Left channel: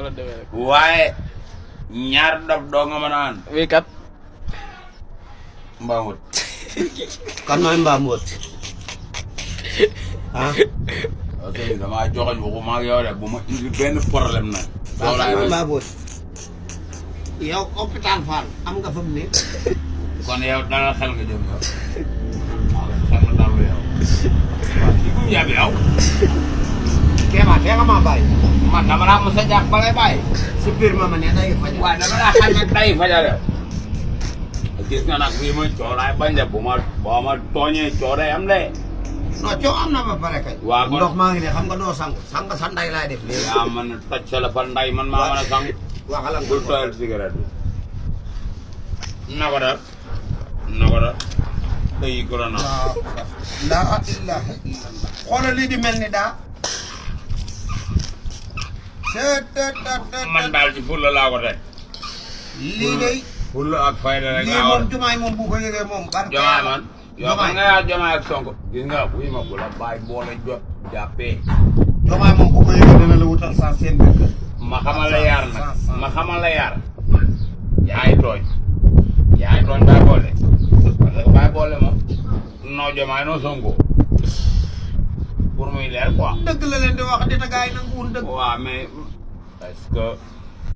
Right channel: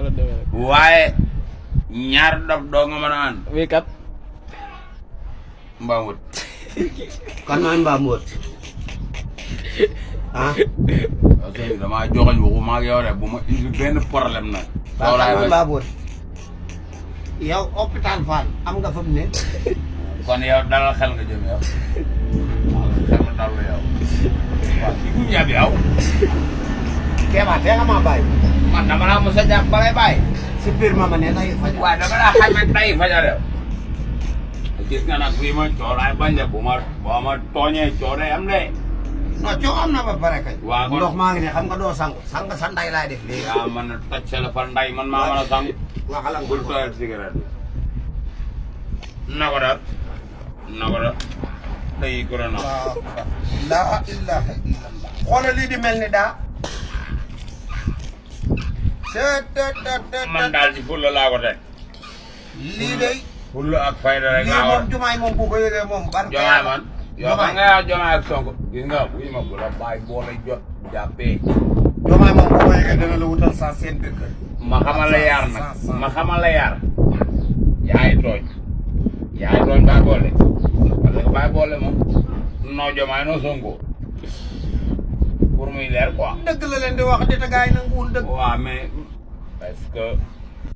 noonu la demee rek. waaye ñaar dof doo nga mën a ànd. wii kat. Mbamut. kan mooy Mbamut. ah. ok damaa joxoñ waxuma ak yow de bu ma indi benn problème nag. waaw kan mooy Mbamut. yow hôpital Fann am nga fa mu ne. kon yow dalal xel nga jëm yow. xel nga dalal yow. waaw kii bu ñu yàgg yow. Kéba tee nga maa bàyyi. man dama laa mos a jàpp ba lay bàyyi. si biir ma ne day fajar. waaw dama laa xam ne day fajar yow. gis nga nag bii ma coow laay bañ de boo ma tooñee coow day am de. non coow am na ba pare kay. waaw kon ndox maa ngi ne xam nga doo sangu sang sa nday laay def léegi. yaa man toj sa la fa nday man maa mën a sang. waxala nga bul tooyal cigarette bi. na ko dal. day corona. waaw laa ilaha illallah. xoolal lii di mel ni daa. man daal ci fulla laa ko teg. lii day. fulla ak fayda rek lii laa moom jumaay moom bu ko yëgee moom. jomaay man. yow man nga yaa jomaay ak Sonko. gis nga buy ma bu la bàyyi boole jot jàppee. jumaay moom bu ko yëgee dana la wutal sans seen biir kër. ma xamal la yaar nag ma xamal la yaar. yaay tooñ bàyyi boole. parce que bàyyi boole moom. noo jomaay noo Sonko. pour muy leer quoi. dëgg la leen di wax di ta gaay nanguwul dëgg. waaw mais parce que